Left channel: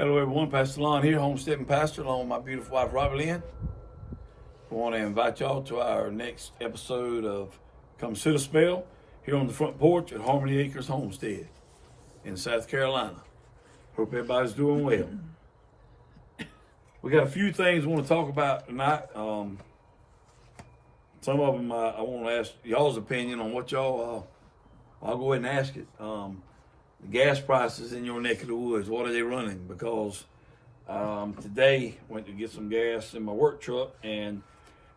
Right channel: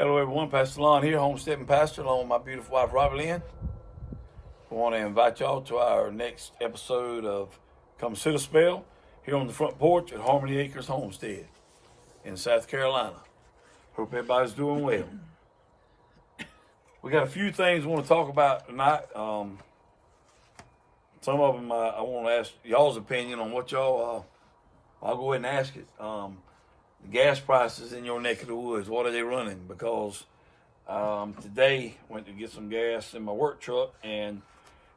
Hello everyone, Pastor Lon here, Homesteading Pastor, along with my beautiful wife, Robert Lynn. We want to invite y'all to our next episode of Come Sit a Spell here on the front porch at Harmony Acres Homestead in South Carolina. Hope everybody's doing well. We got a few things we want to talk about tonight. Some of them I want to ask y'all's opinion on what y'all, I'll go ahead and ask it. The gas prices in your neck of the woods, what are they running? Because today went to get some gas in my work truck, and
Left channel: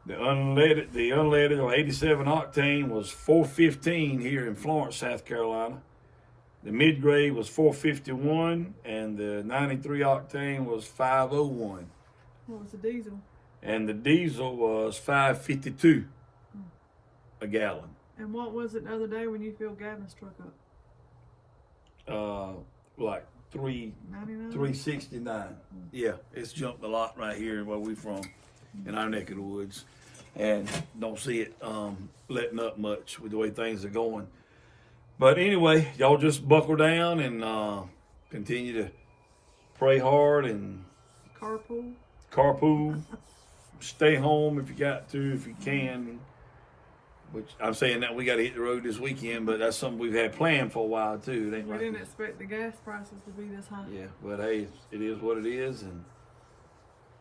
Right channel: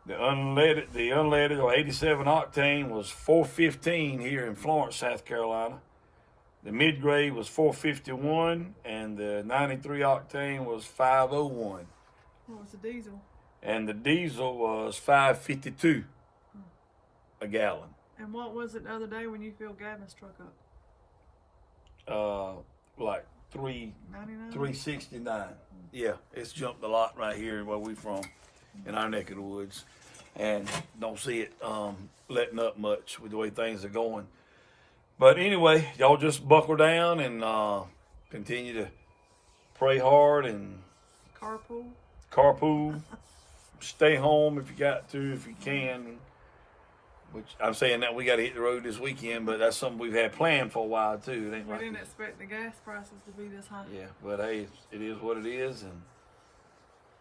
the unleaded or 87 octane was $4.15 here in Florence, South Carolina. The mid-grade was $4.51, and the 93 octane was $5.01. What was the diesel? And the diesel was $5.52 a gallon. And what was it the other day when you filled Gavin's truck up? Like $3.69. Yeah, it's jumped a lot right here where we from, in our neck of the woods, and don't see it letting up much with the way things are going. But anyway, y'all just buckle down and continue to pray hard and carpool. Stay home if you got to, if you can. Which I'm saying that we got to hit the road this weekend, but that's something we've had planned for a while too. We didn't expect the gas prices to be this high. Yeah, but hey, it is what it is, and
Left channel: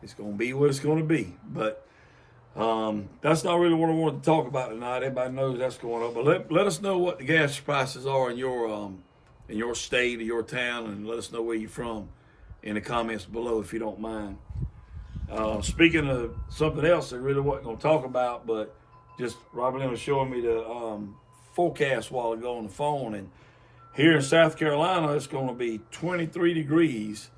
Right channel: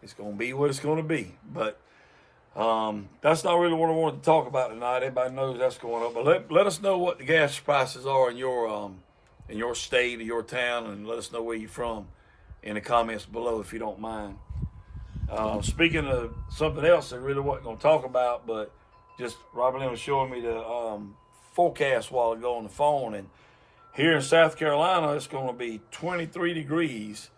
it's going to be what it's going to be. But that's not really what I wanted to talk about tonight. Everybody knows that's going on. But let us know what the gas prices are in your state or your town, and let us know where you're from in the comments below if you don't mind. Speaking of something else I really wasn't going to talk about, but just Robert Lynn was showing me the forecast a while ago on the phone, and here in South Carolina, it's going to be 23 degrees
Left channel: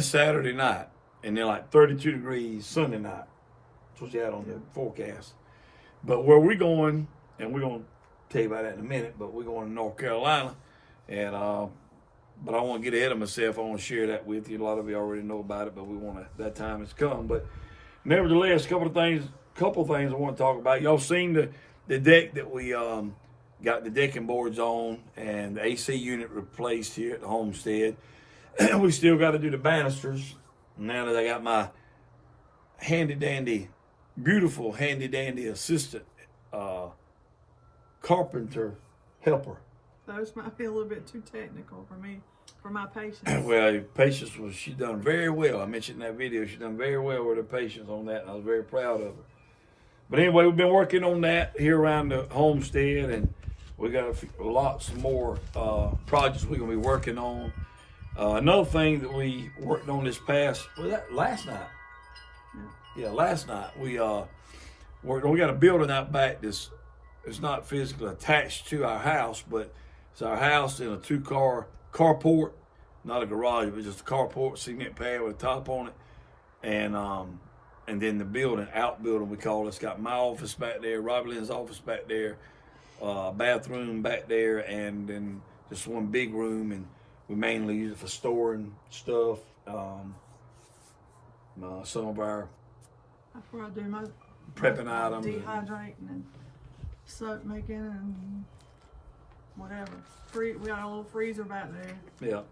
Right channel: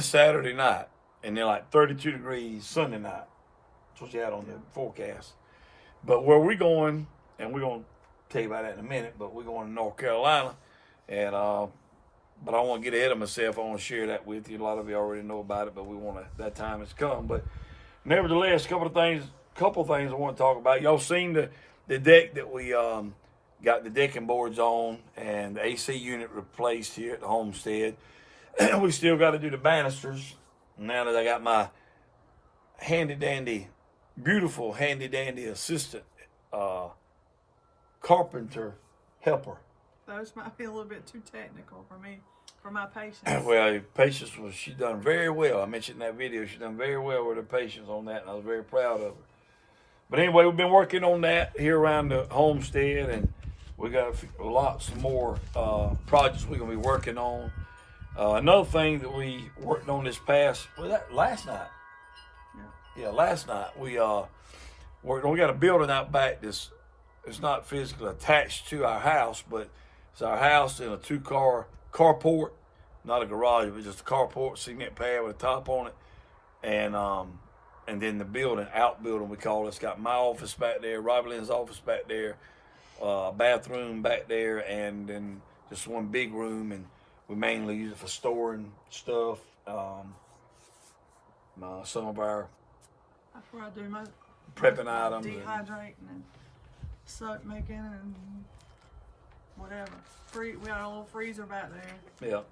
Saturday night, and then like 32 degrees Sunday night. That's what you had on the forecast. But where we're going, and we're going to tell you about that in a minute, but we're going to North Carolina, and but I don't want to get ahead of myself. I want to share that with you. A lot of you already know about it, but that time has come. But nevertheless, a couple things I want to talk about. Y'all seen the deck that we got the decking boards on and the AC unit replaced here at the Homestead. We still got to do the banisters. Now that I got my beautiful handy dandy assistant carpenter helper. Those might be a little bit too technical for me, for my patience. Well, patience she done very well. I mentioned in that video, she done very well with her patience on that, and I was very proud of her. But anyway, we've been working on that here around the Homestead, and we got lots more projects we're going to be working on. Another thing that we worked on last night. Yeah, last night. We got a building out back it's not physically attached to our house, but it's our house in a two-car carport, not a garage, but just a carport, cement pad with a top on it. And then the outbuilding we call it. It's got my office back there, Robert Lynn's office back there, bathroom back there, and then just one big room, and we mainly use it for storing stuff. Some of our that's where I do my prepping items, dehydrating and soap making and whatever. We got a little freezer back there. Yeah,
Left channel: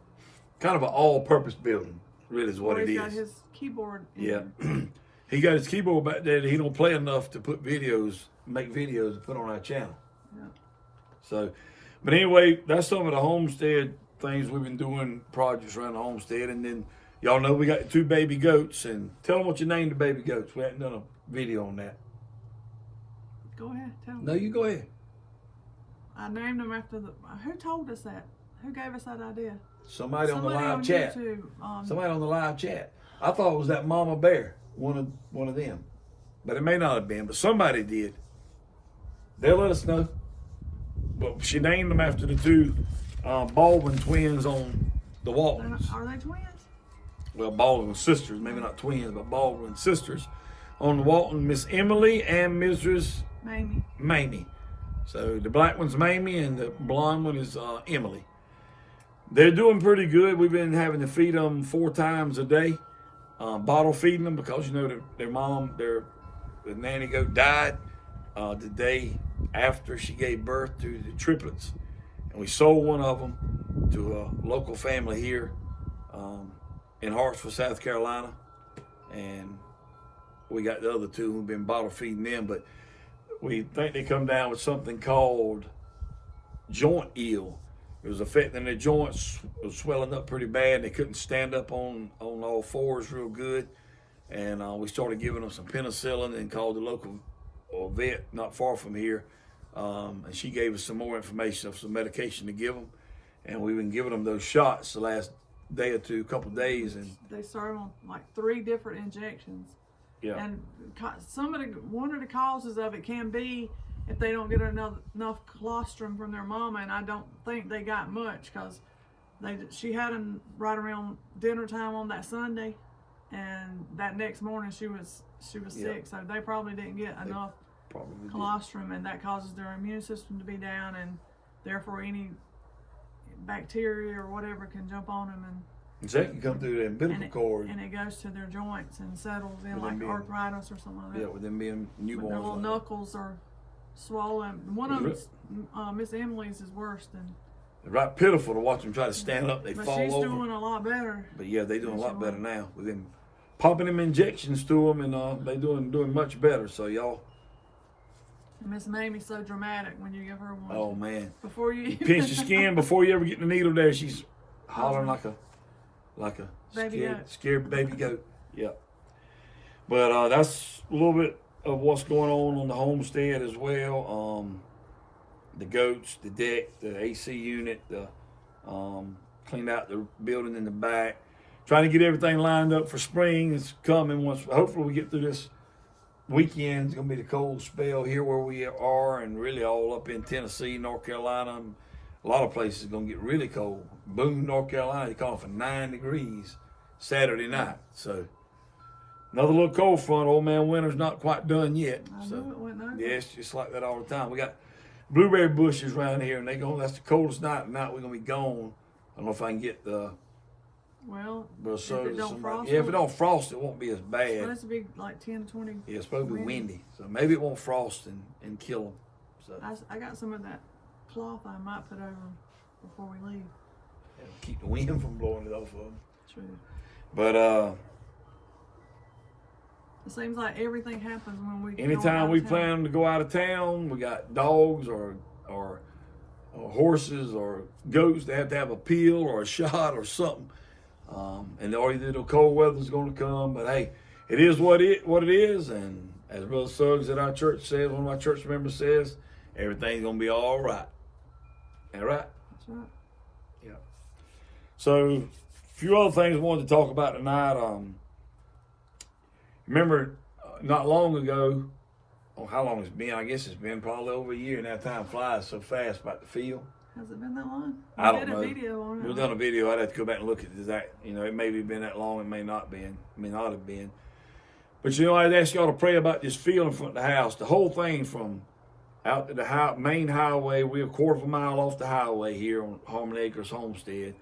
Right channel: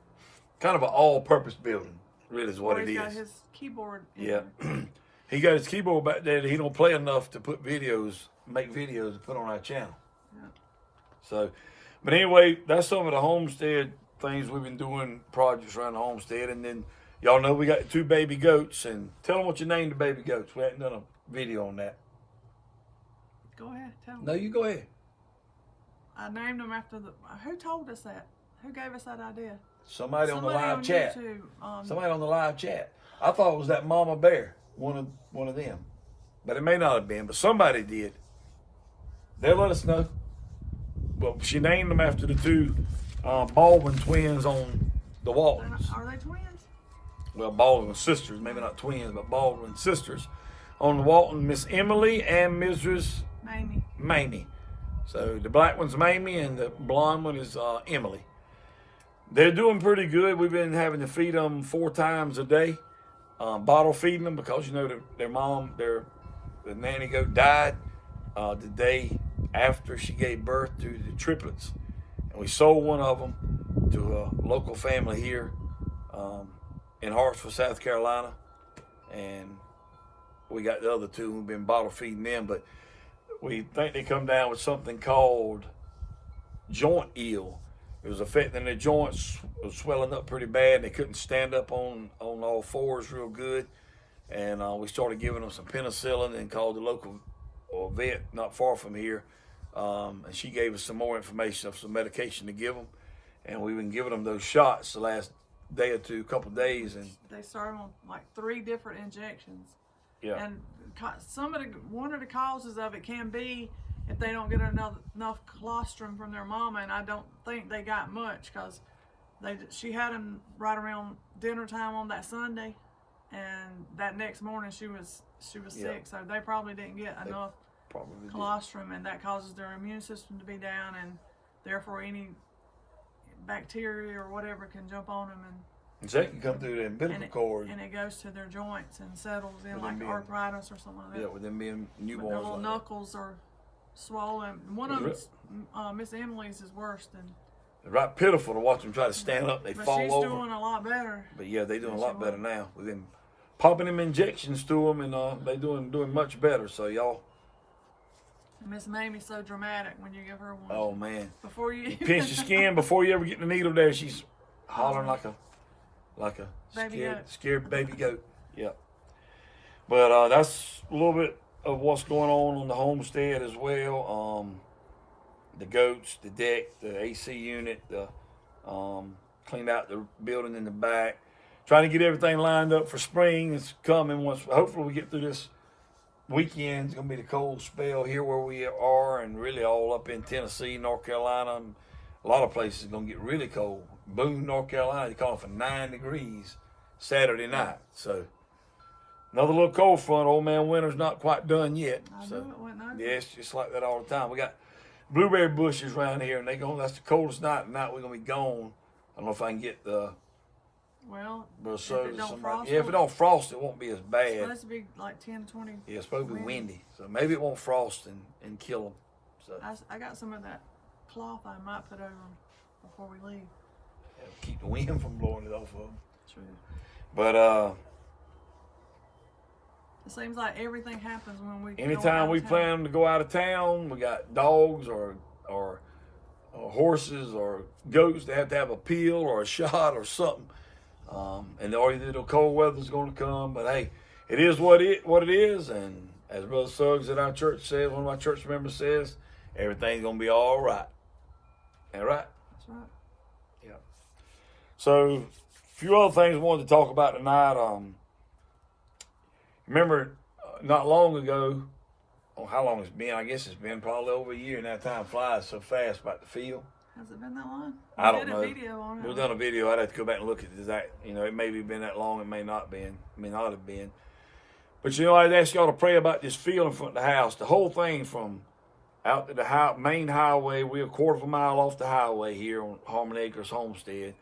kind of an all-purpose building, really is what it is. He's got his keyboard in there. Yeah. He got his keyboard back there that he don't play enough to make videos to put on our channel. Yeah. So, but anyway, that's some of the Homestead things we've been doing, projects around the Homestead. And then y'all know we got 2 baby goats, and tell them what you named the baby goats. We haven't done a video on that. Go ahead, tell them. No, you go ahead. I named them after who told us that? Who gave us that idea? Somebody on the live chat. YouTube, Somebody on the live chat. I thought it was that Mama Bear. One of them, but it may not have been, but somebody did. They'll let us know. Well, she named them after the 2 Baldwin twins on the Waltons. Are they twins? Well, Baldwin sisters, maybe not twins, but Baldwin sisters on the Walton, Miss Emily and Mrs. Mamie. So the black one's Mamie and the blonde one is Emily. They're doing pretty good. We've been having to feed them 4 times a day. Bottle feeding them because their mom, their nanny goat died the day after she gave birth to the triplets, and we sold one of them to a local family here in Hartsville, South Carolina, and we got the other two who've been bottle feeding them, but we think they come down with something called joint eel. It was affecting their joints, it was swelling up pretty bad. They couldn't stand up on all fours real good. And we started giving them some penicillin and called the local vet not far from here. And she gave us some more information of some medication to give them. And we've been giving them those shots the last day or two, couple of days. And they started on like 3 different injections. Yeah. And one of the causes of it can be if they don't get enough colostrum from their mama, and I don't think they got much, because she had them right around dinner time on that Sunday, and that next morning she was sick, so they probably didn't get enough colostrum, and that causes their immune system to be down, and therefore any bacteria or whatever can jump on them, and so it can come through the umbilical cord, and it goes to their joints and settles in like arthritis or something like that. Yeah, with them being newborns. Their little knuckles are swollen. One of them, Miss Emily's, is worse than. It's right pitiful to watch them try to stand up. They fall over. But she's doing a lot better. But yeah, they're doing a lot better now. We've been pumping them injections to them, and they're doing much better. So y'all. Miss Mamie's so dramatic when you give her one. Oh man! Before you pinch the skin before you ever get the needle there, she's hollering like a scared baby goat. Yeah. But that's a little bit of what's going on the homestead as well. The goats, the deck, the AC unit, the cleaned out the building in the back. Trying to get everything lined up for spring. It's coming. Once hopefully we get through this weekend. It's gonna be the cold spell here where we are, and really all up in Tennessee, North Carolina. A lot of places are gonna get really cold. Boone, North Carolina, they call it for 9 degrees Saturday night. So another little cold front. Old man winter's not quite done yet. I knew it went over. Yeah, it's just like that all the time. We got blueberry bushes around here, and that's the coldest night tonight. We're gonna be gone. I don't know if I can get the if it don't frost. Yeah, if it don't frost, it won't be as bad. It's supposed to be like 10 to 20. Yeah, it's supposed to be windy, so maybe it won't frost and kill them. So I got some of that cloth I might put over them before we leave. Yeah, keep the wind from blowing it off of them. True. But it seems like everything happens when we. Anytime we plan to go out of town, we got dogs or horses or goats that have to have a peel or a shot or something. And already the cold weather's going to come, but hey, it is what it is. And as Brother Suggs at our church says, one of my church members says, everything's going to be all right. All right? That's right. Yeah. So, a few other things I wanted to talk about tonight. Remember, not long ago, how long it's been? I guess it's been probably over a year, and that time flies so fast about the field. Has it been that long? I don't know. We did a video on it. We've done a video. I'd have to go back and look at that. It may have been that long. It may not have been. But I'd ask y'all to pray about this field in front of the house. The whole thing from out to the main highway. We're a quarter of a mile off the highway here on Homesteadingpastor Homestead.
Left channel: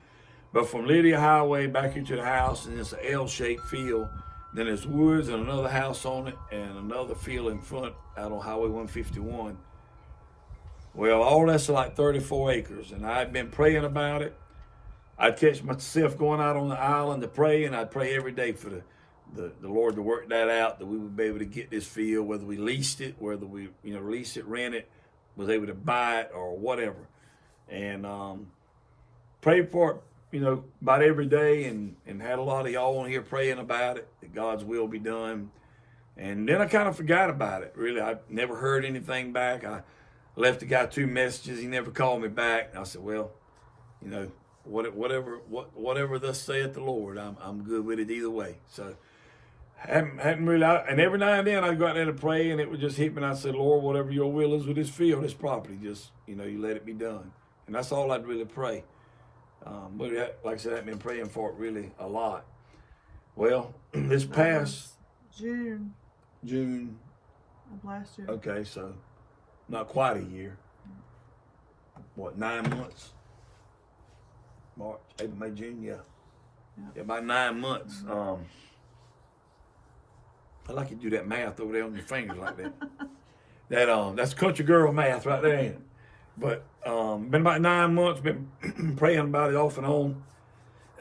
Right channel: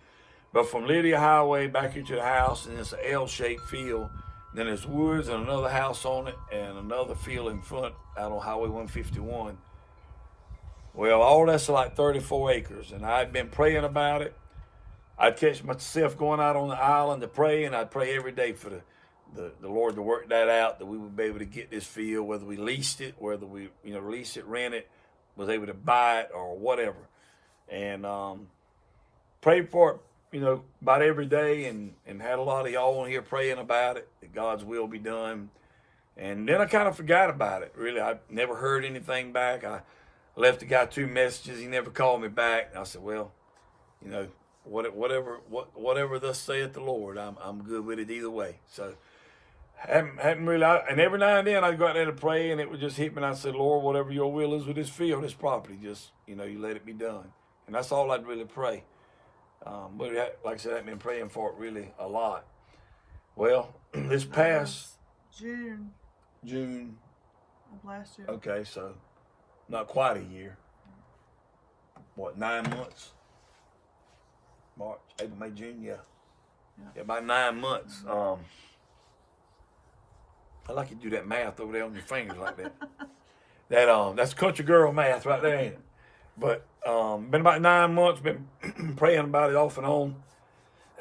But from Lydia Highway back into the house, and it's an L-shaped field. Then there's woods and another house on it, and another field in front out on Highway 151. Well, all that's like 34 acres, and I'd been praying about it. I'd catch myself going out on the island to pray, and I'd pray every day for the Lord to work that out, that we would be able to get this field, whether we leased it, whether we lease it, rent it, was able to buy it, or whatever. And prayed for it, about every day, and had a lot of y'all on here praying about it, that God's will be done. And then I kind of forgot about it, really. I never heard anything back. I left the guy 2 messages. He never called me back. And I said, well, whatever thus saith the Lord, I'm good with it either way. So hadn't really, and every now and then I go out there to pray, and it would just hit me, and I said, Lord, whatever your will is with this field, this property, just, you let it be done. And that's all I'd really pray. But like I said, I've been praying for it really a lot. Well, this past June of last year. Okay, so not quite a year. What, 9 months? March, April, May, June, yeah, about 9 months. I like you to do that math over there on your fingers like that. That's country girl math right there, ain't it? But been about 9 months, been praying about it off and on.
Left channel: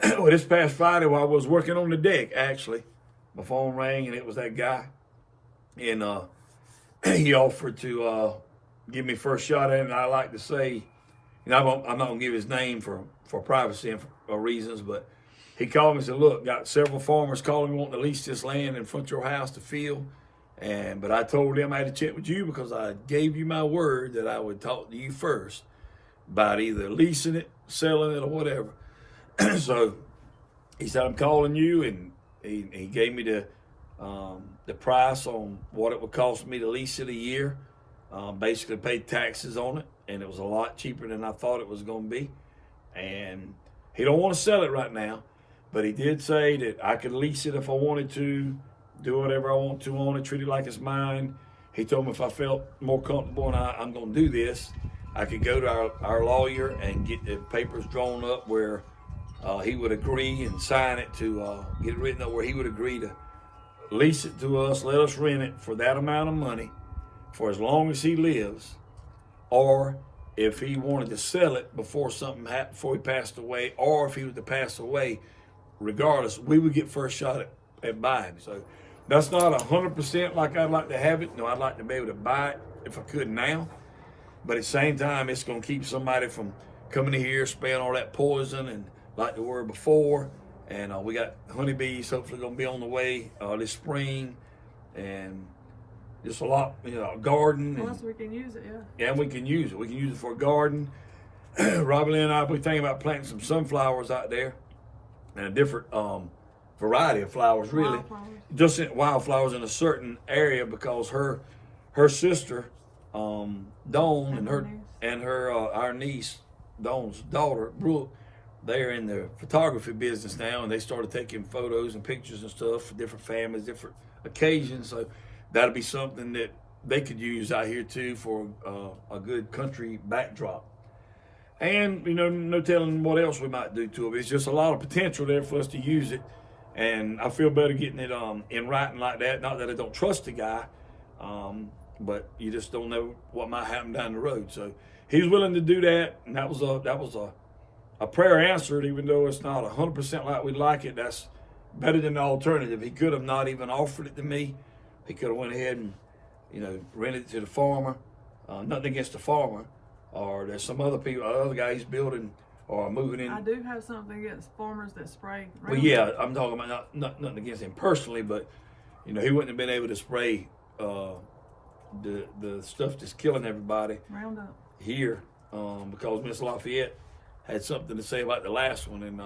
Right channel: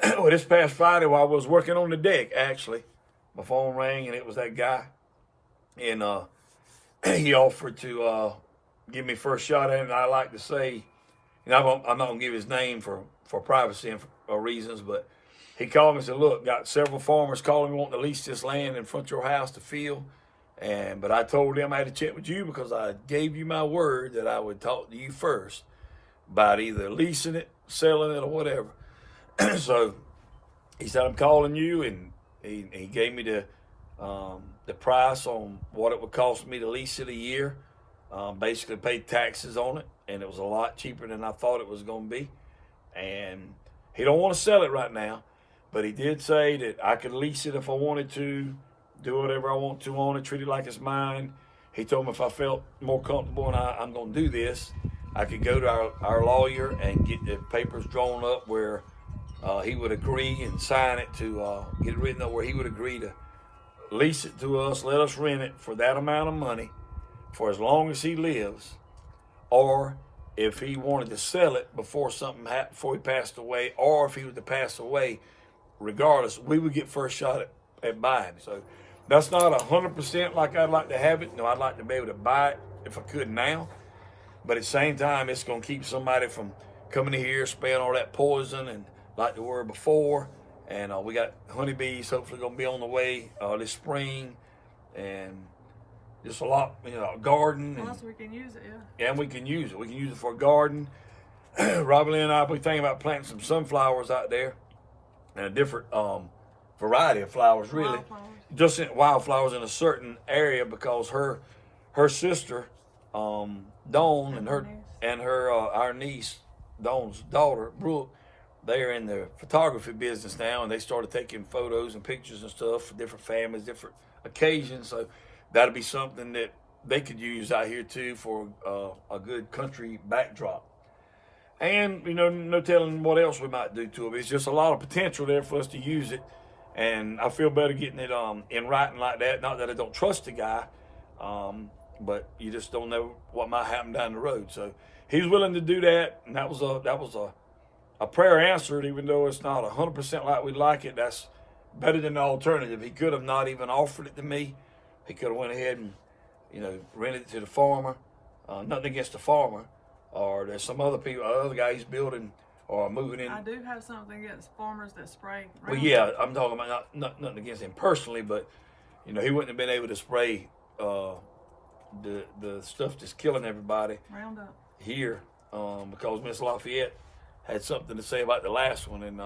Well, this past Friday while I was working on the deck, actually, my phone rang and it was that guy. And he offered to give me first shot at it. And I like to say, I'm not going to give his name for privacy reasons, but he called me and said, look, got several farmers calling me wanting to lease this land in front of your house to field. But I told them I had to check with you because I gave you my word that I would talk to you first about either leasing it, selling it, or whatever. So he said, I'm calling you, and he gave me the price on what it would cost me to lease it a year. Basically paid taxes on it, and it was a lot cheaper than I thought it was going to be. And he don't want to sell it right now, but he did say that I could lease it if I wanted to, do whatever I want to on it, treat it like it's mine. He told me if I felt more comfortable and I'm going to do this, I could go to our lawyer and get the papers drawn up where he would agree and sign it to get it written up where he would agree to lease it to us, let us rent it for that amount of money for as long as he lives, or if he wanted to sell it before something happened, before he passed away, or if he was to pass away, regardless, we would get first shot at buying. So that's not 100% like I'd like to have it. No, I'd like to be able to buy it if I could now. But at the same time, it's going to keep somebody from coming in here, spraying all that poison and like they were before. And we got honeybees hopefully going to be on the way this spring. And just a lot, garden. Plus, we can use it, yeah. And we can use it. We can use it for a garden. Robin and I, we thinking about planting some sunflowers out there and a different variety of flowers, really. Wildflowers. Just wildflowers in a certain area because her sister, Dawn, and our niece, Dawn's daughter, Brooke, they're in the photography business now, and they started taking photos and pictures and stuff for different families, different occasions. So that'd be something that they could use out here too for a good country backdrop. And no telling what else we might do to it. It's just a lot of potential there for us to use it. And I feel better getting it in writing like that. Not that I don't trust the guy, but you just don't know what might happen down the road. So he's willing to do that, and that was a prayer answered, even though it's not 100% like we like it. That's better than the alternative. He could have not even offered it to me. He could have went ahead and rented it to the farmer. Nothing against the farmer, or there's some other people, other guys building or moving in. I do have something against farmers that spray. Well, yeah, I'm talking about nothing against him personally, but he wouldn't have been able to spray the stuff that's killing everybody Roundup here because Miss Lafayette had something to say about the last one, and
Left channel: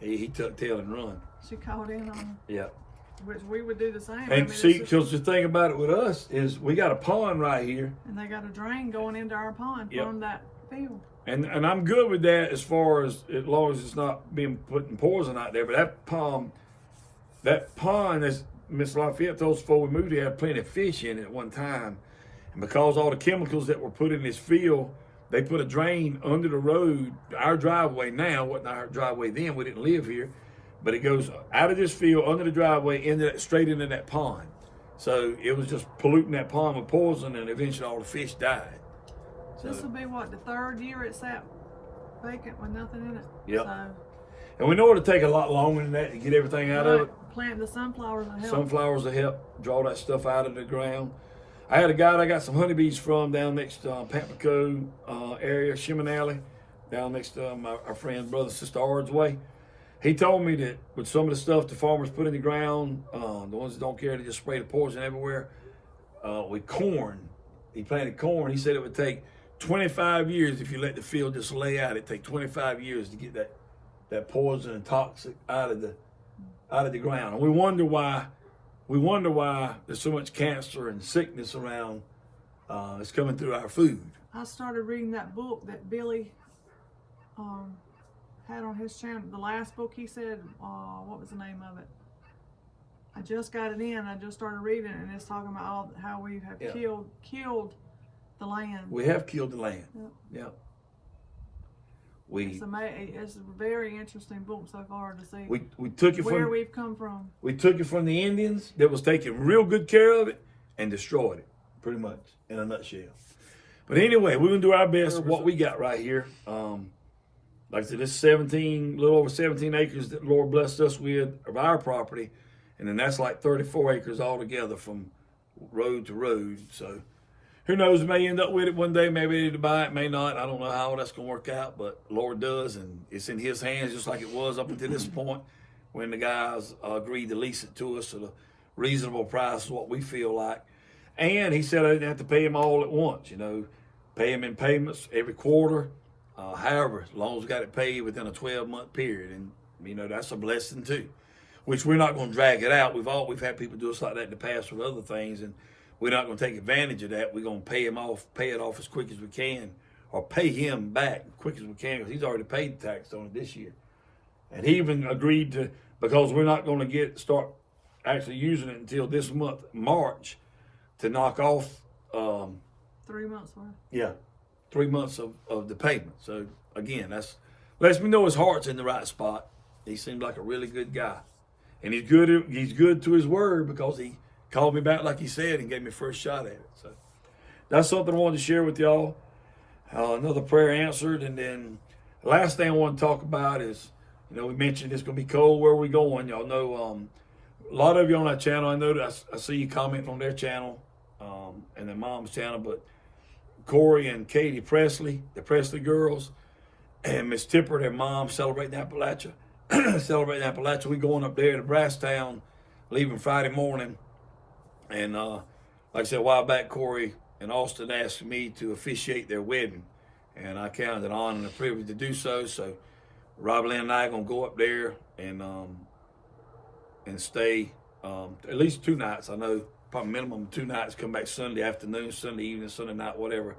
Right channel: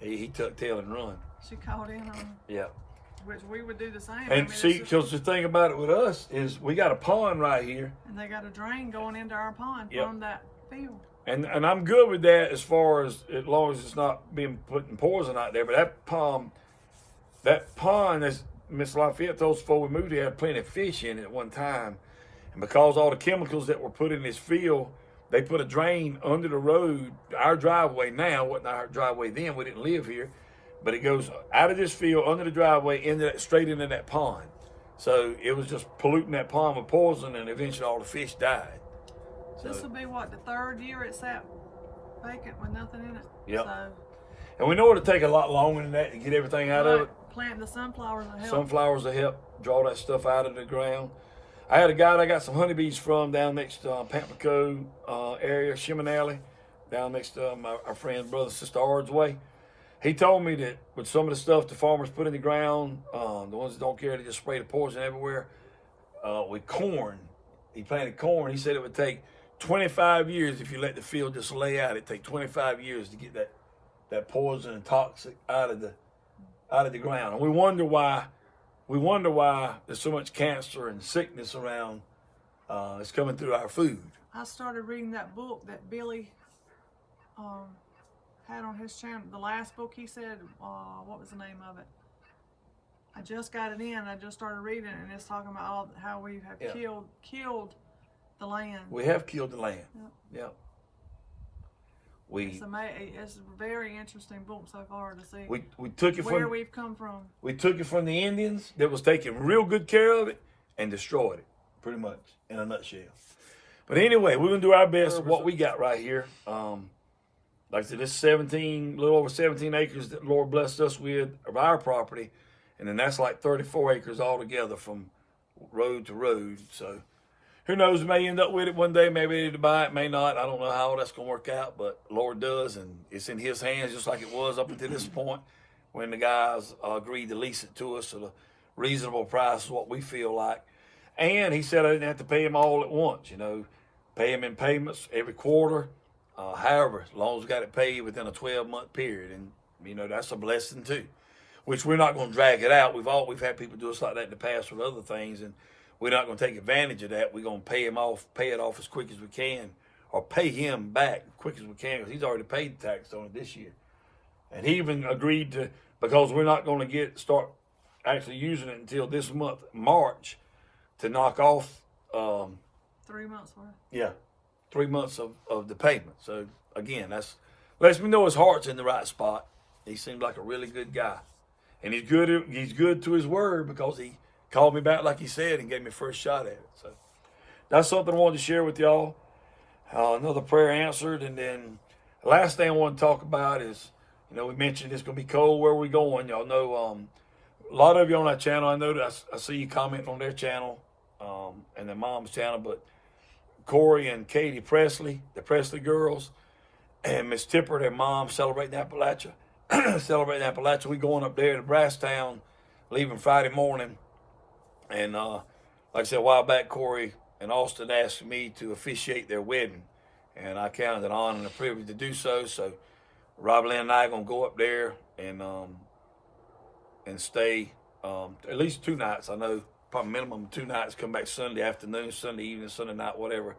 he tucked tail and run. She called in on him. Yeah. Which we would do the same. And see, because the thing about it with us is we got a pond right here. And they got a drain going into our pond from that field. And I'm good with that as long as it's not being putting poison out there. But that pond, as Miss Lafayette told us before we moved here, had plenty of fish in it at one time. And because all the chemicals that were put in this field, they put a drain under the road. Our driveway now wasn't our driveway then. We didn't live here. But it goes out of this field, under the driveway, straight into that pond. So it was just polluting that pond with poison, and eventually all the fish died. So, this will be, the third year it sat vacant with nothing in it. Yep. So, and we know it'll take a lot longer than that to get everything out of it. Planting the sunflowers will help. Sunflowers will help draw that stuff out of the ground. I had a guy that I got some honeybees from down next to Pamplico area, Shimonalley, down next to our friend, brother, sister Ard's way. He told me that with some of the stuff the farmers put in the ground, the ones that don't care to just spray the poison everywhere, with corn, he planted corn. He said it would take 25 years if you let the field just lay out. It'd take 25 years to get that poison and toxic out of the ground. And we wonder why there's so much cancer and sickness around. It's coming through our food. I started reading that book that Billy had on his channel. The last book he said, what was the name of it? I just got it in. I just started reading it, and it's talking about how we have killed the land. We have killed the land. Yep. Yep. It's a very interesting book so far to see we took it where we've come from. We took it from the Indians that was taking real good care of it and destroyed it, pretty much, in a nutshell. But anyway, we're going to do our best with what we got right here. like I said, this 17, little over 17 acres that the Lord blessed us with of our property. And then that's like 34 acres altogether from road to road. So who knows, we may end up with it one day, maybe ready to buy it, may not. I don't know how that's going to work out, but the Lord does, and it's in his hands just like it was up until this point when the guys agreed to lease it to us at a reasonable price is what we feel like. And he said I didn't have to pay him all at once, you know, pay him in payments every quarter, however, as long as we got it paid within a 12-month period. And, you know, that's a blessing too, which we're not going to drag it out. We've had people do us like that in the past with other things, and we're not going to take advantage of that. We're going to pay it off as quick as we can, or pay him back as quick as we can, because he's already paid the tax on it this year. And he even agreed to, because we're not going to start actually using it until this month, March, to knock off 3 months worth. Yeah, 3 months of the payment. So again, that's lets me know his heart's in the right spot. He seemed like a really good guy, and he's good to his word, because he called me back like he said and gave me first shot at it. So that's something I wanted to share with y'all. Another prayer answered, and then the last thing I want to talk about is, you know, we mentioned it's going to be cold. Where we going? Y'all know a lot of you on that channel. I know that I see you comment on their channel and their mom's channel, but Corie and Katie Presley, the Presley girls, and Miss Tipper, their mom, Celebratingappalachia. Celebratingappalachia. We going up there to BrassTown, leaving Friday morning. And like I said a while back, Corie and Austin asked me to officiate their wedding, and I counted it an honor and a privilege to do so. So Rob Lynn and I are gonna go up there and stay at least 2 nights. I know probably minimum 2 nights. Come back Sunday afternoon, Sunday evening, Sunday night, whatever.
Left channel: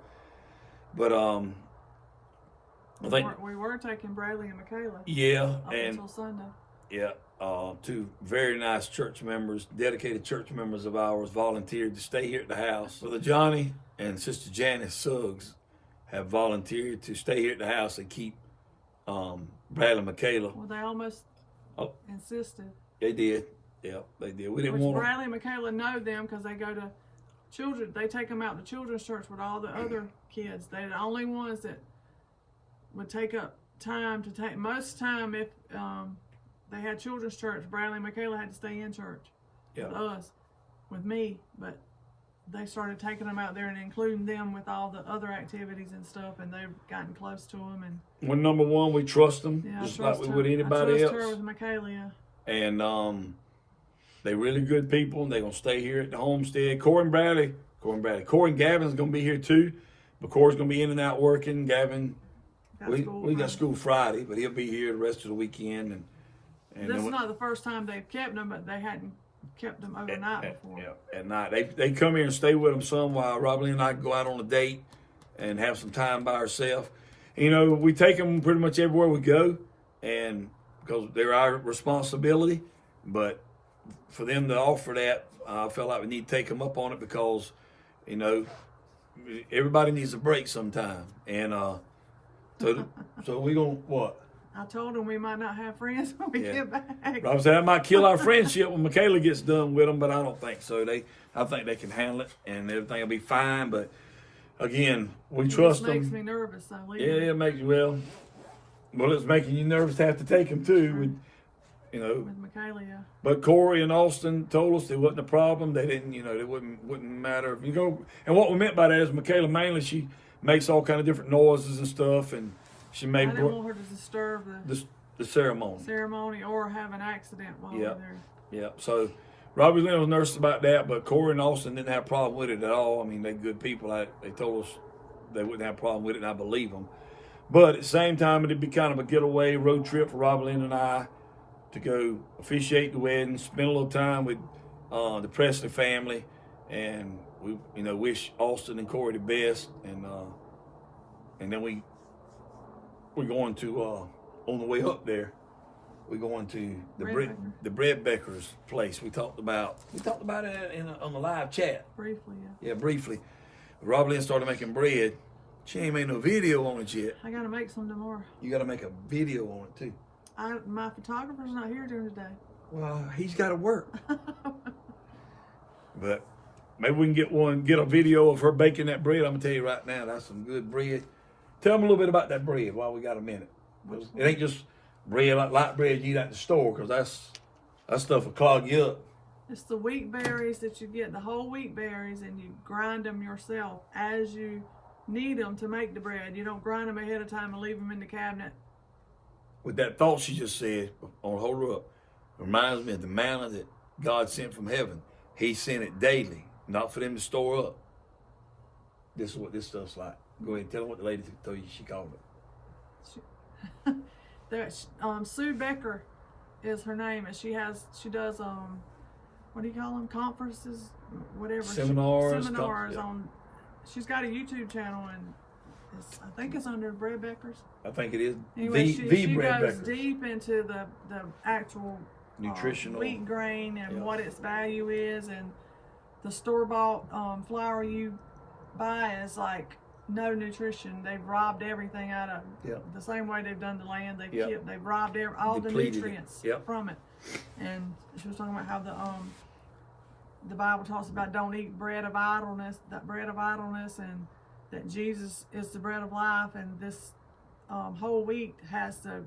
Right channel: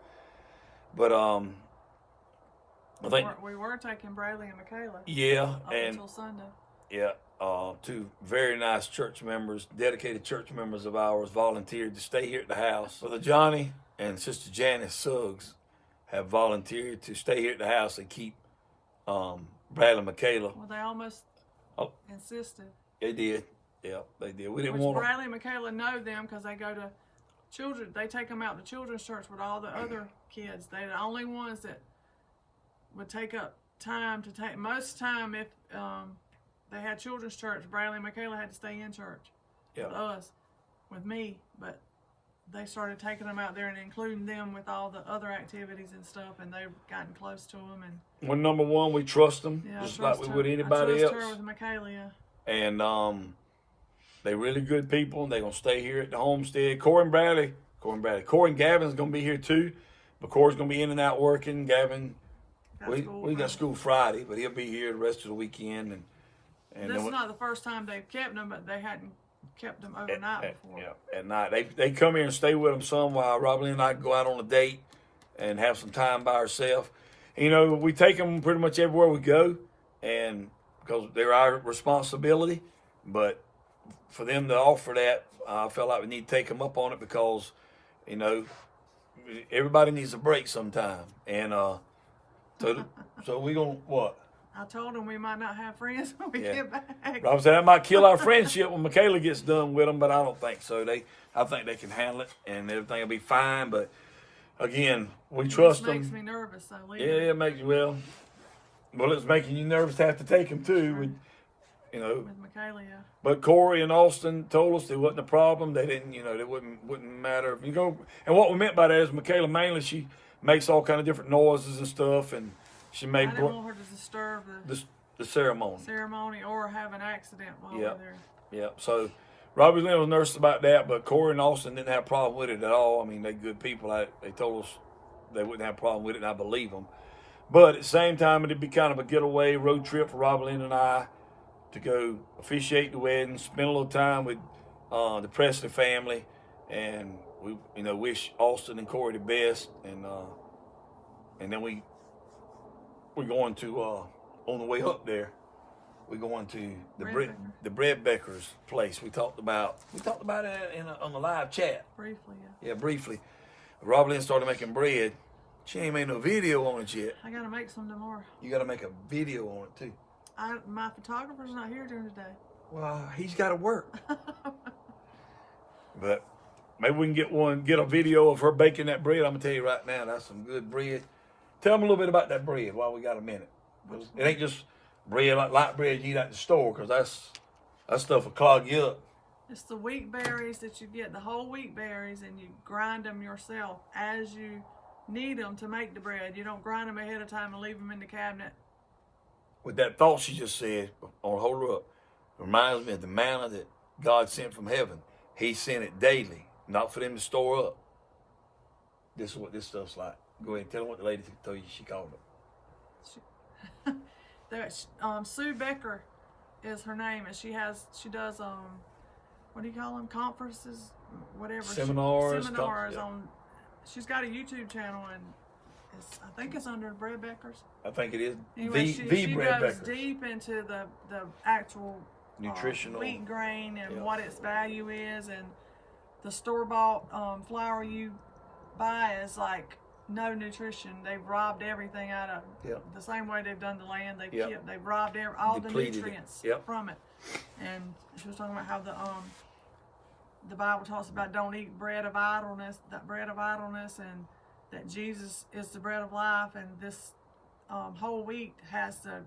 But I think we were taking Bradley and Michaela. Yeah, up until Sunday. Yeah, 2 very nice church members, dedicated church members of ours, volunteered to stay here at the house. So the Johnny and Sister Janice Suggs have volunteered to stay here at the house and keep Bradley and Michaela. Well, they almost insisted. They did. Yeah, they did. We didn't want Bradley and Michaela know them because they go to children. They take them out to children's church with all the other kids. They're the only ones that would take up time to take. Most time, if they had children's church, Bradley and Michaela had to stay in church with us, with me. But they started taking them out there and including them with all the other activities and stuff, and they've gotten close to them. And well, number one, we trust them, just like we would anybody else. I trust her with Michaela, yeah. And they're really good people. They're gonna stay here at the homestead. Corie and Gavin's gonna be here too, but Corey's gonna be in and out working. Gavin, we got school Friday, but he'll be here the rest of the weekend. And this is not the first time they've kept them, but they hadn't kept them overnight before. Yeah, at night. They come here and stay with them some while Robbie and I go out on a date and have some time by ourselves. You know, we take them pretty much everywhere we go, and because they're our responsibility. But for them to offer that, I felt like we need to take them up on it, because, you know, everybody needs a break sometime. And so we gonna what? I told them we might not have friends when we get back. I was saying that might kill our friendship when Michaela gets done with them, but I don't think so. I think they can handle it, and everything will be fine. But again, we trust them. It makes me nervous. It makes it's making you nervous to have to take them too. You know, with Michaela, yeah. But Corie and Austin told us it wasn't a problem. They didn't, you know, it wouldn't matter if you go. And what we meant by that is Michaela mainly, she makes all kind of different noises and stuff, and she made. I didn't want her to disturb the ceremony. Ceremony or have an accident while we're there. Yeah. So Robbie Lynn was nervous about that, but Corie and Austin didn't have a problem with it at all. I mean, they're good people. They told us they wouldn't have a problem with it, and I believe them. But at the same time, it'd be kind of a getaway road trip for Robbie Lynn and I to go officiate the wedding, spend a little time with the Presley family, and we, you know, wish Austin and Corie the best, and then we're going to on the way up there, we're going to the Thebreadbeckers place. We talked about it on the live chat briefly. Yeah, briefly. Rob Lynn started making bread. She ain't made no video on it yet. I gotta make some tomorrow. You gotta make a video on it too. My photographer's not here during the day. Well, he's got to work. But maybe we can get a video of her baking that bread. I'm gonna tell you right now, that's some good bread. Tell them a little bit about that bread while we got a minute. Which It ain't just bread like light bread you eat at the store, because that stuff will clog you up. It's the wheat berries that you get, the whole wheat berries, and you grind them yourself as you need them to make the bread. You don't grind them ahead of time and leave them in the cabinet. With that thought she just said, on hold her up, reminds me of the manna that God sent from heaven. He sent it daily, not for them to store up. This is what this stuff's like. Go ahead and tell them what the lady told you she called it. Sue Becker is her name, and she does what do you call them, conferences, whatever, Seminars seminars yeah. on. She's got a YouTube channel, and I think it's under BrassTown. I think it is. Anyway, she goes BrassTown. deep into the actual Nutritional wheat grain and yeah. what its value is, and the store-bought flour you buy is like no nutrition. They've robbed everything out of Yep. the same way they've done the land. They've robbed all Depleted the nutrients yep. from it. And she was talking about how the Bible talks about don't eat bread of idleness, and that Jesus is the bread of life, and this whole wheat has the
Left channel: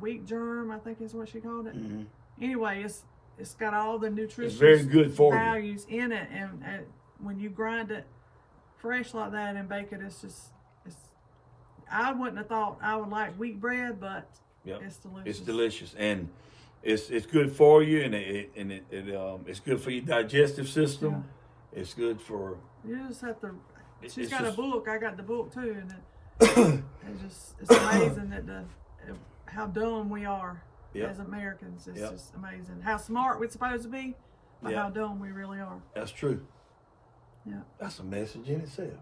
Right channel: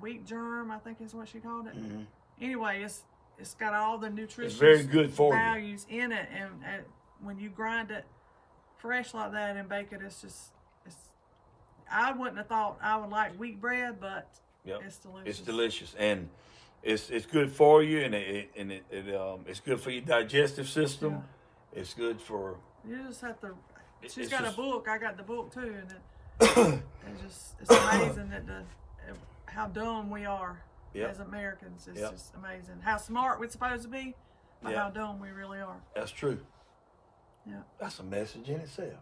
wheat germ, I think is what she called it. Mm-hmm. Anyway, it's got all the nutrition very good for values in it, and when you grind it fresh like that and bake it, I wouldn't have thought I would like wheat bread, but yep. it's delicious. It's delicious, and it's good for you, and it's good for your digestive system. Yeah. It's good for. You just have to. She's got a book. I got the book too, and it's amazing that how dumb we are yep. as Americans. It's yep. just amazing how smart we're supposed to be, but yep. how dumb we really are. That's true. Yeah, that's a message in itself.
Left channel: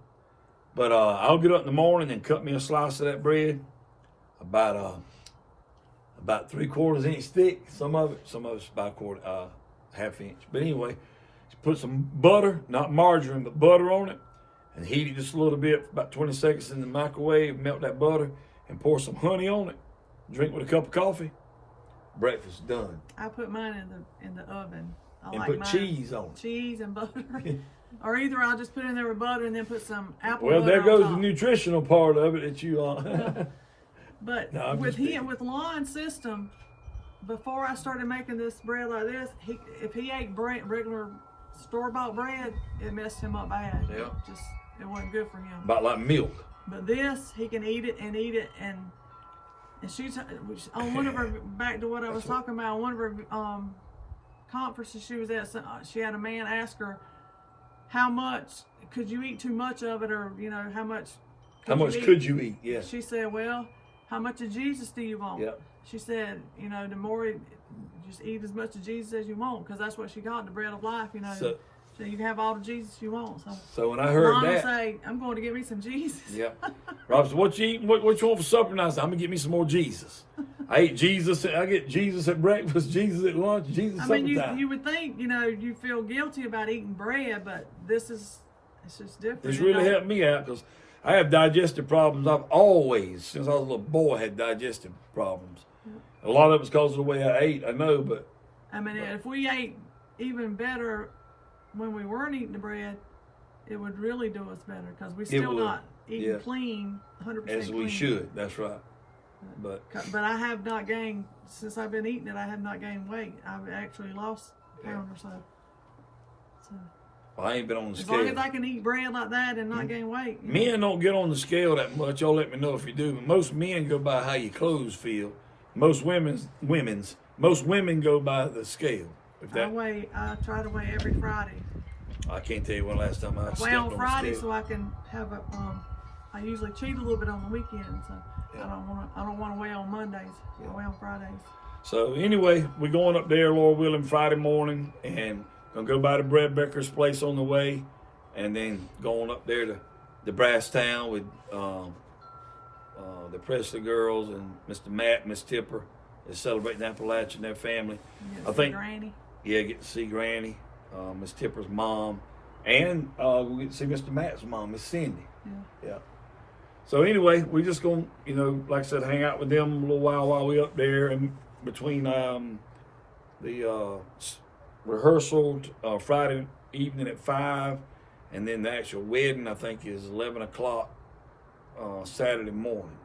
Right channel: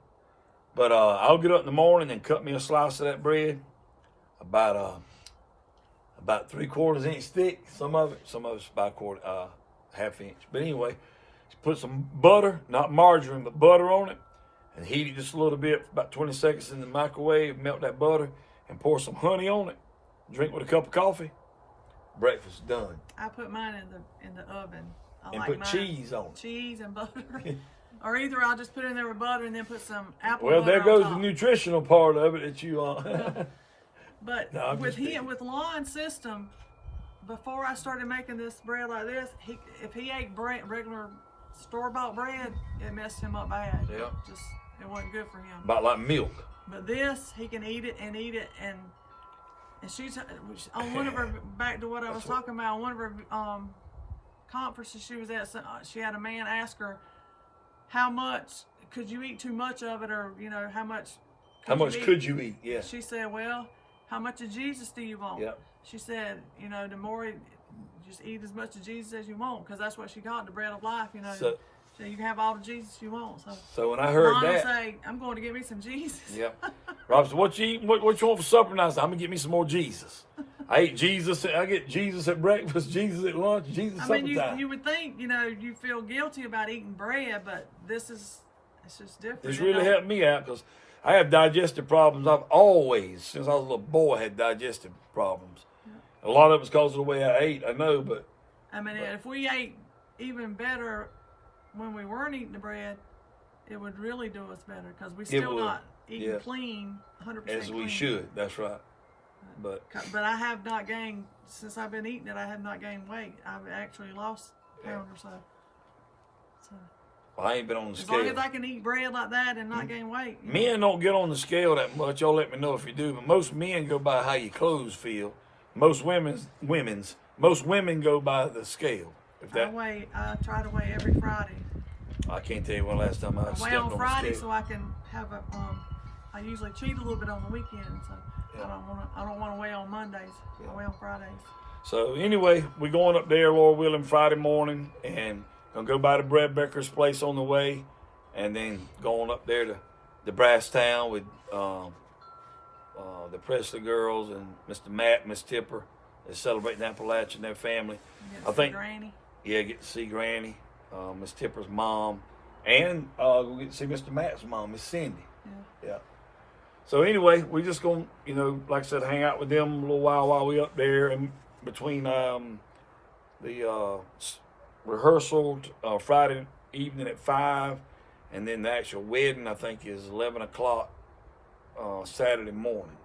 But I'll get up in the morning and cut me a slice of that bread, about 3/4 inch thick. Some of it's about half inch. But anyway, put some butter, not margarine, but butter on it, and heat it just a little bit, about 20 seconds in the microwave. Melt that butter and pour some honey on it. Drink with a cup of coffee. Breakfast done. I put mine in the oven. I and like put mine. cheese on it. Cheese and butter. Or either I'll just put it in there with butter and then put some apple well, butter there goes on top. the nutritional part of it that you But no, with Lon's system, before I started making this bread like this, if he ate regular store-bought bread, it messed him up bad. Yeah. It wasn't good for him. About like milk. But this, he can eat it, and she's on one of her, back to what I was talking about, on one of her conferences she was at, she had a man ask her, how much could you eat too much of it, or how much could you eat? Yeah. She said, well, how much of Jesus do you want? Yep. She said, the more just eat as much of Jesus as you want, because that's what she got, the bread of life, So you can have all the Jesus you want. So when I heard Mom that, will say, I'm going to get me some Jesus. Yep. Rob said, what you eating? What you want for supper? And I said, I'm gonna get me some more Jesus. I ate Jesus. I get Jesus at breakfast, Jesus at lunch, Jesus. I mean, you would think, you feel guilty about eating bread, but it's just different. This really helped me out because I have digestive problems. I've always, since I was a little boy, had digestive problems. Yeah. A lot of it's because of the way I ate, I know, but. I mean, if we ate even better when we weren't eating the bread, it would really do us better, because we're still not eating clean, 100% as clean. we should, that's right. But I have not gained, since I've been eating it, I have not gained weight. I've actually lost a pound or so. Well, I ain't been on the scale. As long as I can eat bread like that and not gain weight. Men don't get on the scale that much. Y'all let me know if you do. But most men go by how your clothes feel. Most women go by the scale. I try to weigh every Friday. I can't tell you when last time I weigh on Friday so I can have I usually cheat a little bit on the weekend, so I don't want to weigh on Mondays. I weigh on Fridays. So anyway, we're going up there, Lord willing, Friday morning, and gonna go by the Thebreadbeckers place on the way, and then going up there to the BrassTown with the Presley girls and Mr. Matt and Miss Tipper. They're celebrating Appalachia and their family. I think Granny. Yeah, get to see Granny, Miss Tipper's mom, and we'll get to see Mr. Matt's mom, Miss Cindy. Yeah. So anyway, we're just gonna, like I said, hang out with them a little while we're up there, and between the rehearsal Friday evening at 5, and then the actual wedding, I think, is 11 o'clock Saturday morning.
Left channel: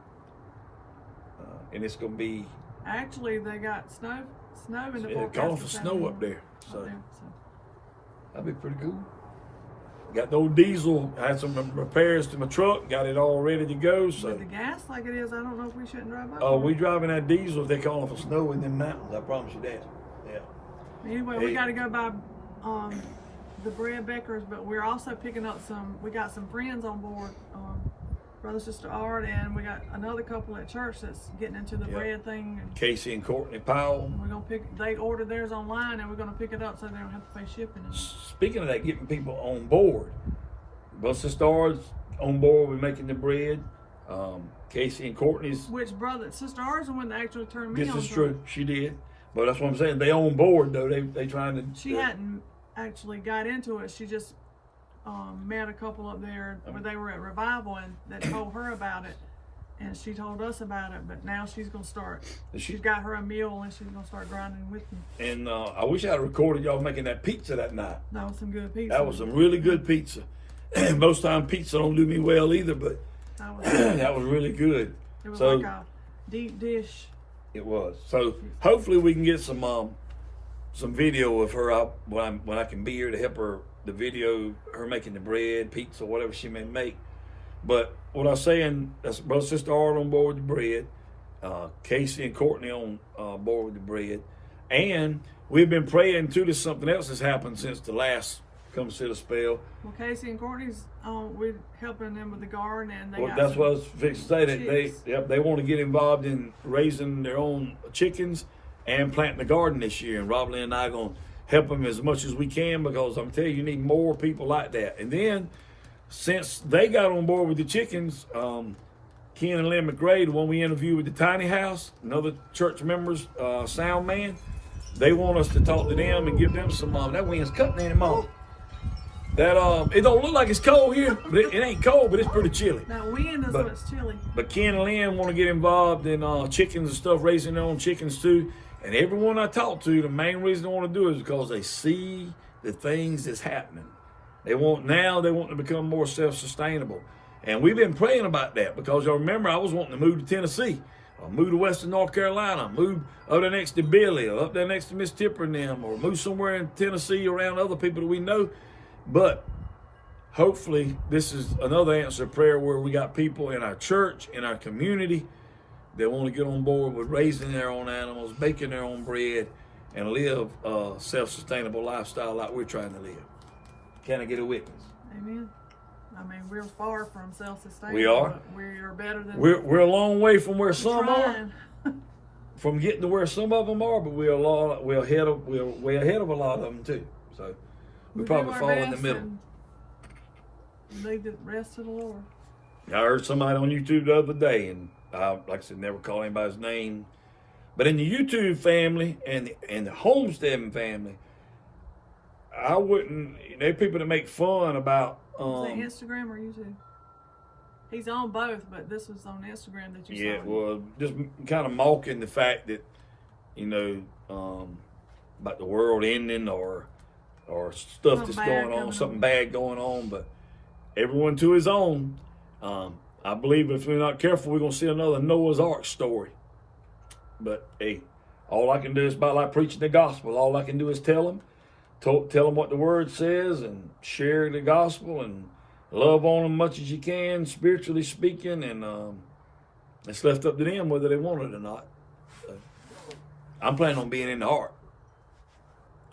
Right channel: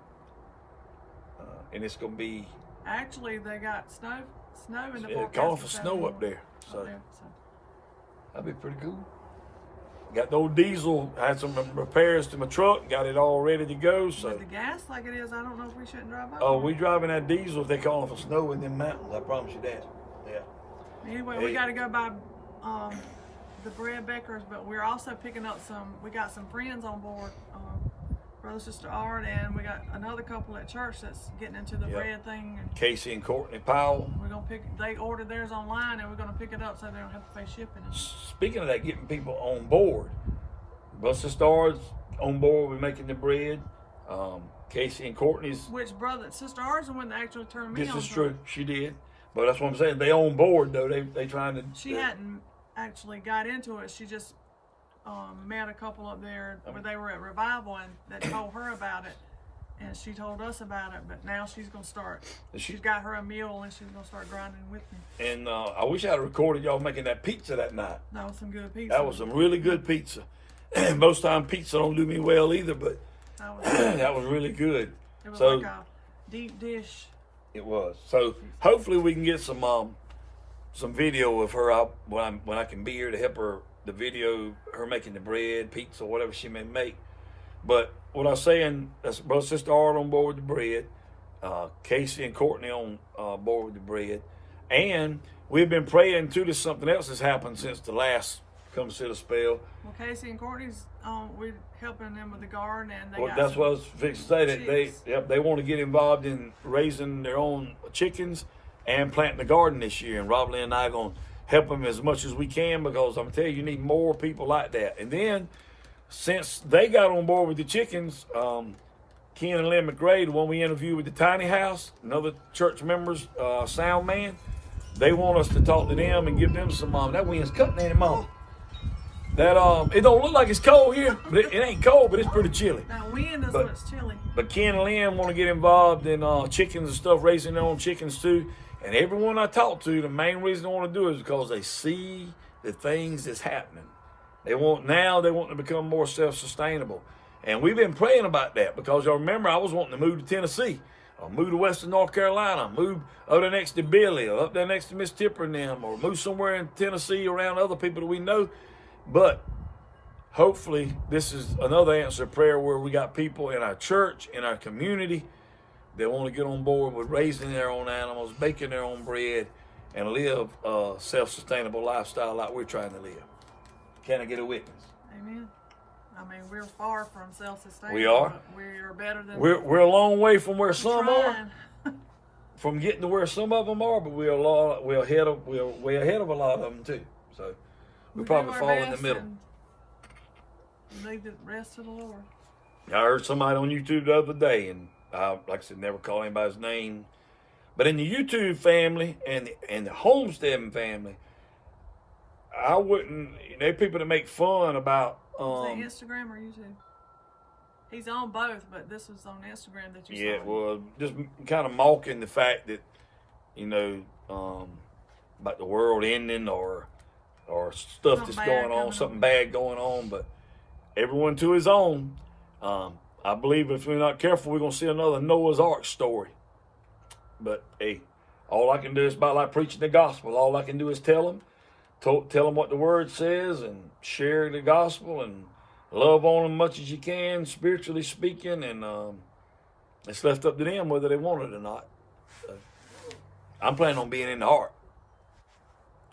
and it's gonna be Actually, they got snow in the calling forecast. for snow up there. So so. that'd be pretty cool. Got the old diesel, had some repairs to my truck, got it all ready to go. So With the gas like it is, I don't know if we shouldn't drive by. oh, we driving that diesel if they calling for snow in them mountains. I promise you that. Yeah. Anyway, we got to go by the Thebreadbeckers, but we're also picking up we got some friends on board, brother, sister Art, and we got another couple at church that's getting into the bread thing. And Casey and Courtney Powell. we're gonna they ordered theirs online, and we're gonna pick it up so they don't have to pay shipping. Speaking of that, getting people on board, brother, sister Art's on board with making the bread. Casey and Courtney's. Which sister Art's the one that actually turned me on. This is true. She did. But that's what I'm saying. They on board though. They trying to. She hadn't actually got into it. She just met a couple up there where they were at revival and that told her about it, and she told us about it. But now she's gonna start. She's got her a meal and she's gonna start grinding with me. And I wish I had recorded y'all making that pizza that night. That was some good pizza. That was some really good pizza. Most time pizza don't do me well either, but that was really good. It was like a deep dish. It was. So hopefully we can get some video of her out when I can be here to help her, the video, her making the bread, pizza, whatever she may make. But what I was saying, that's brother, sister Art on board with the bread, Casey and Courtney on board with the bread, and we've been praying too that something else has happened since the last Come Sit a Spell. Well, Casey and Courtney's we're helping them with the garden, and That's what I was fixing to say. That they want to get involved in raising their own chickens and planting the garden this year. And Rob Lee and I are going to help them as much as we can, because I'm telling you, you need more people like that. And then since they got on board with the chickens, Ken and Lynn McRae, the one we interviewed with the tiny house, another church members, sound man, they want us to talk to them and give them some. That wind's cutting them off. That it don't look like it's cold here, but it ain't cold, but it's pretty chilly. That wind is what's chilly. But Ken and Lynn want to get involved in chickens and stuff, raising their own chickens too. And everyone I talk to, the main reason they want to do it is because they see the things that's happening. They want to become more self-sustainable. And we've been praying about that, because y'all remember I was wanting to move to Tennessee, or move to Western North Carolina, move up there next to Billy, or up there next to Miss Tipper and them, or move somewhere in Tennessee around other people that we know. But hopefully this is another answer prayer where we got people in our church, in our community, that want to get on board with raising their own animals, baking their own bread, and live a self-sustainable lifestyle like we're trying to live. Can I get a witness? Amen. I mean, we're far from self-sustainable. We are. But we are better than. We're a long way from where some trying. are. From getting to where some of them are, but we're way ahead of a lot of them too. So we probably fall in the middle. Leave the rest to the Lord. I heard somebody on YouTube the other day, and like I said, never call anybody's name, but in the YouTube family and the Homesteading family, I wouldn't. There people that make fun about. Is that Instagram or YouTube? He's on both, but this was on Instagram that you saw. Yeah, well, just kind of mocking the fact that, about the world ending or stuff that's going on, something bad going on. But everyone to his own. I believe if we're not careful, we're going to see another Noah's Ark story. But hey, all I can do is about like preaching the gospel. All I can do is tell them what the word says and share the gospel and love on them much as you can, spiritually speaking. And it's left up to them whether they want it or not. I'm planning on being in the ark.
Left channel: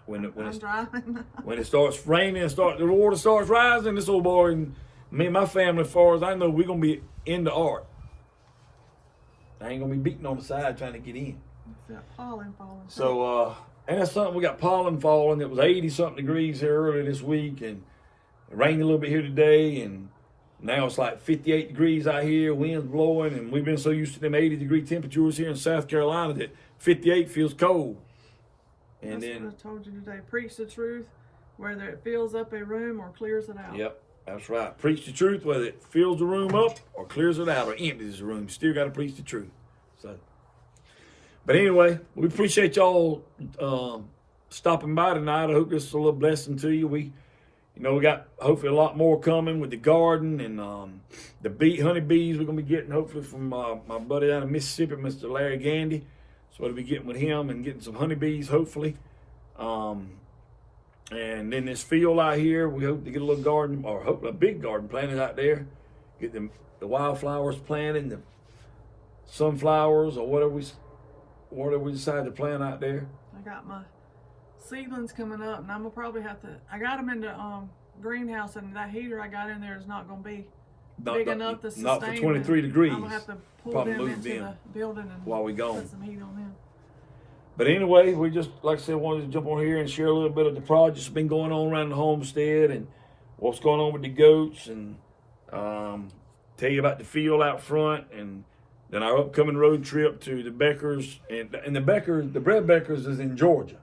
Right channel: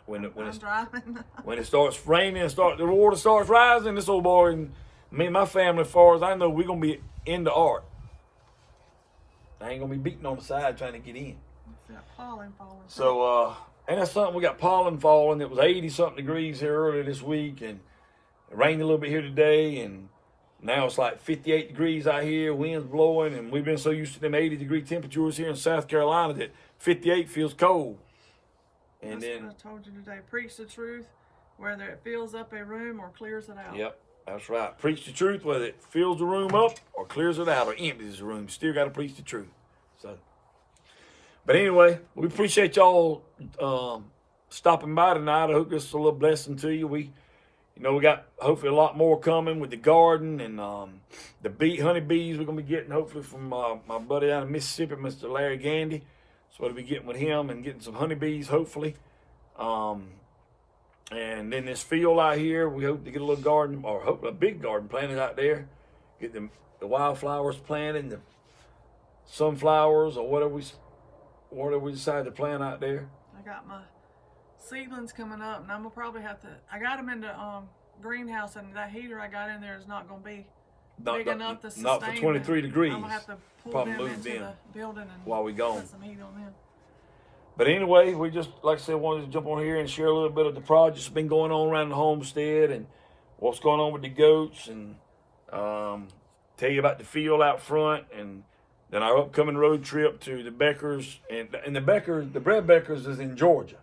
When it starts raining and the water starts rising, this old boy and me and my family, as far as I know, we're going to be in the ark. I ain't going to be beating on the side trying to get in. It's got pollen falling. So, and that's something, we got pollen falling. It was 80-something degrees here earlier this week, and it rained a little bit here today, and now it's like 58 degrees out here, wind's blowing, and we've been so used to them 80-degree temperatures here in South Carolina that 58 feels cold. And that's what I told you today. Preach the truth, whether it fills up a room or clears it out. Yep, that's right. Preach the truth, whether it fills the room up or clears it out or empties the room. Still got to preach the truth. So, but anyway, we appreciate y'all stopping by tonight. I hope this is a little blessing to you. You know, we got hopefully a lot more coming with the garden and the honeybees we're going to be getting hopefully from my buddy out of Mississippi, Mr. Larry Gandy. So we'll be getting with him and getting some honeybees hopefully. And then this field out here, we hope to get a little garden, or hope a big garden planted out there. Get the wildflowers planted, the sunflowers, or whatever we decide to plant out there. I got my seedlings coming up, and I'm gonna probably have to. I got them in the greenhouse, and that heater I got in there is not gonna be big enough to sustain. Not for 23 degrees. I'm gonna have to pull them into the building and while we gone. put some heat on them. But anyway, we just, like I said, wanted to jump on here and share a little bit of the projects that's been going on around the homestead and what's going on with the goats, and tell you about the field out front, and then our upcoming road trip to the Beckers. And the Thebreadbeckers is in Georgia.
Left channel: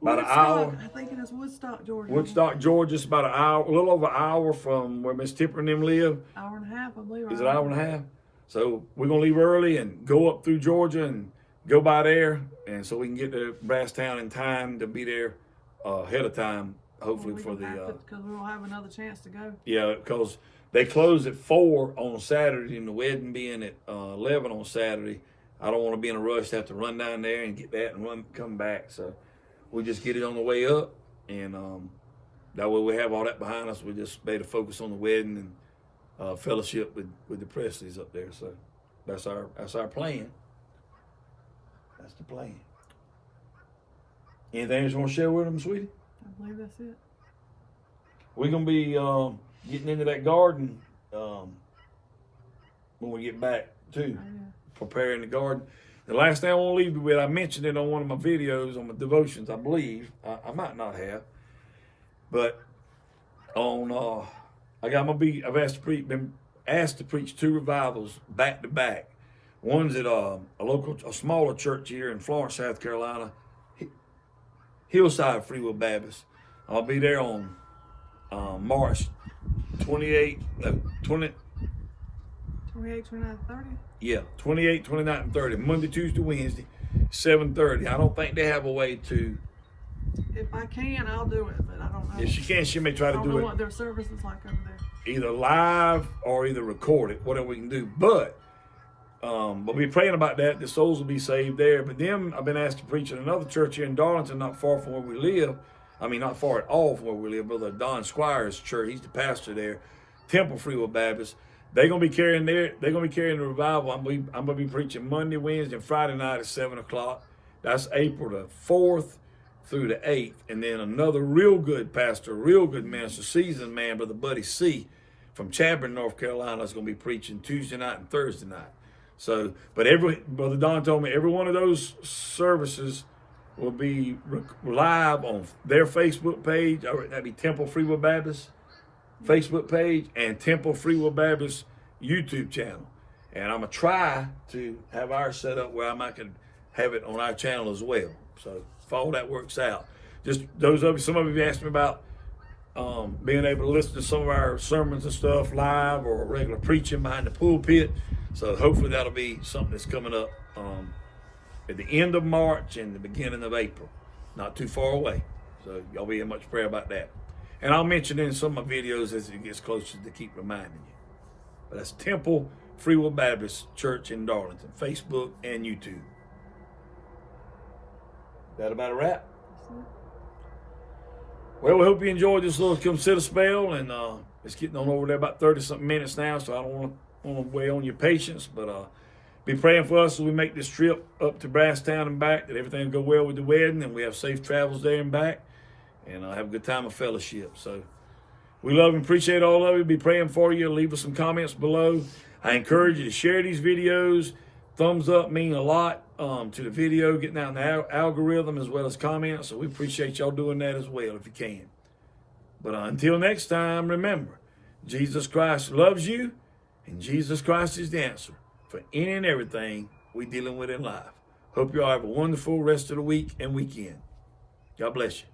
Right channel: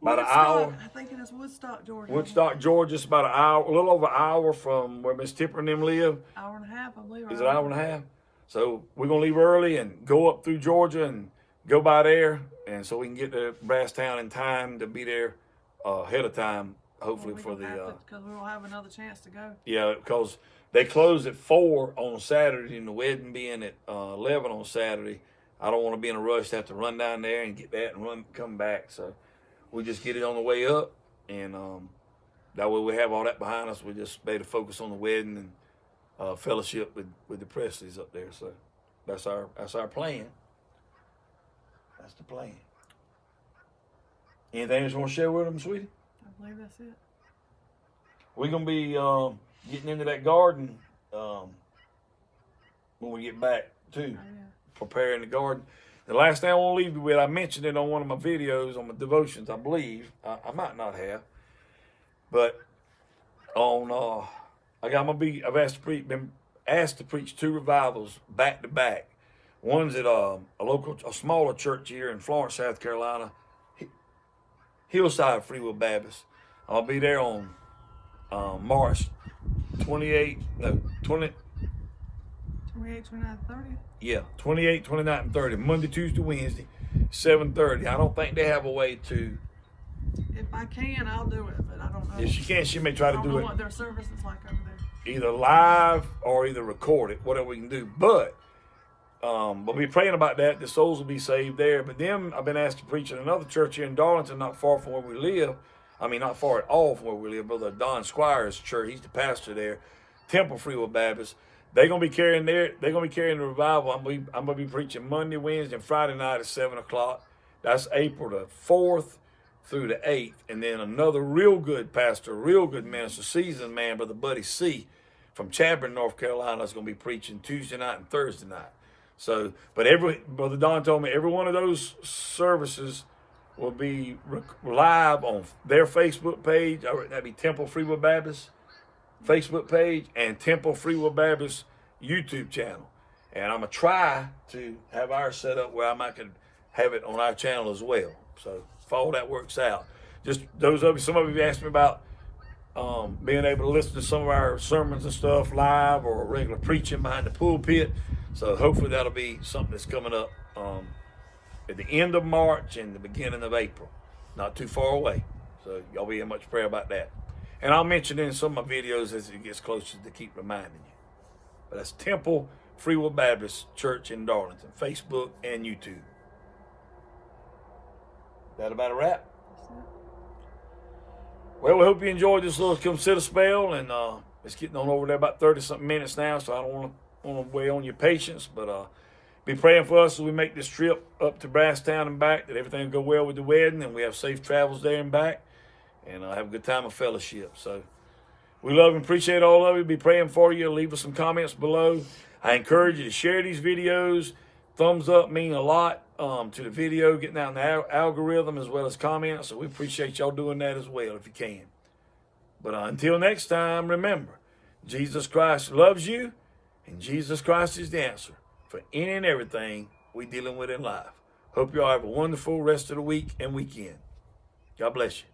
About an hour. I think it is Woodstock, Georgia. Woodstock, Georgia. It's about an hour, a little over an hour from where Miss Tipper and them live. Hour and a half, I believe. Is it an hour and a half? So we're going to leave early and go up through Georgia and go by there, and so we can get to BrassTown in time to be there ahead of time, hopefully for the. Because we won't have another chance to go. Yeah, because they close at 4 on Saturday, and the wedding being at 11 on Saturday. I don't want to be in a rush to have to run down there and get that and come back. So we just get it on the way up, and that way we have all that behind us. We just made a focus on the wedding and fellowship with the Presleys up there. So that's our plan. That's the plan. Anything else you want to share with them, sweetie? I believe that's it. We're going to be getting into that garden when we get back, too. Oh, yeah. Preparing the garden. The last thing I want to leave you with, I mentioned it on one of my videos, on my devotions, I believe. I might not have. But on, I've been asked to preach 2 revivals back to back. One's at a smaller church here in Florence, South Carolina, Hillside Free Will Baptist. I'll be there on March 28, 29, 30? Yeah, 28, 29, and 30. Monday, Tuesday, Wednesday, 7:30. I don't think they have a way to. If I can, I'll do it, but I don't know. If she can, she may try to do it. I don't know what their service is like over there. Either live or either record it, whatever we can do. But we'll be praying about that. The souls will be saved there. But then I've been asked to preach at another church here in Darlington, not far from where we live. I mean, not far at all from where we live. Brother Don Squire's church, he's the pastor there. Temple Free Will Baptist. They're gonna be carrying the revival. I'm gonna be preaching Monday, Wednesday, and Friday night at 7 o'clock. That's April the 4th through the 8th. And then another real good pastor, real good minister, seasoned man, Brother Buddy C. from Chadron, North Carolina, is gonna be preaching Tuesday night and Thursday night. So, but Brother Don told me every one of those services will be live on their Facebook page. That'd be Temple Free Will Baptist Facebook page and Temple Free Will Baptist YouTube channel. And I'm going to try to have ours set up where I might can have it on our channel as well. So if all that works out. Just some of you asked me about being able to listen to some of our sermons and stuff live or regular preaching behind the pulpit. So hopefully that'll be something that's coming up at the end of March and the beginning of April. Not too far away. So y'all be in much prayer about that. And I'll mention in some of my videos as it gets closer to keep reminding you. But that's Temple Free Will Baptist Church in Darlington, Facebook and YouTube. That about a wrap? Well, we hope you enjoyed this little consider spell, and it's getting on over there about 30-something minutes now, so I don't want to weigh on your patience, but be praying for us as we make this trip up to BrassTown and back, that everything go well with the wedding, and we have safe travels there and back, and have a good time of fellowship. So we love and appreciate all of you. Be praying for you. Leave us some comments below. I encourage you to share these videos. Thumbs up mean a lot to the video, getting out in the algorithm as well as comments. So we appreciate y'all doing that as well if you can. But until next time, remember, Jesus Christ loves you, and Jesus Christ is the answer for any and everything we're dealing with in life. Hope y'all have a wonderful rest of the week and weekend. God bless you.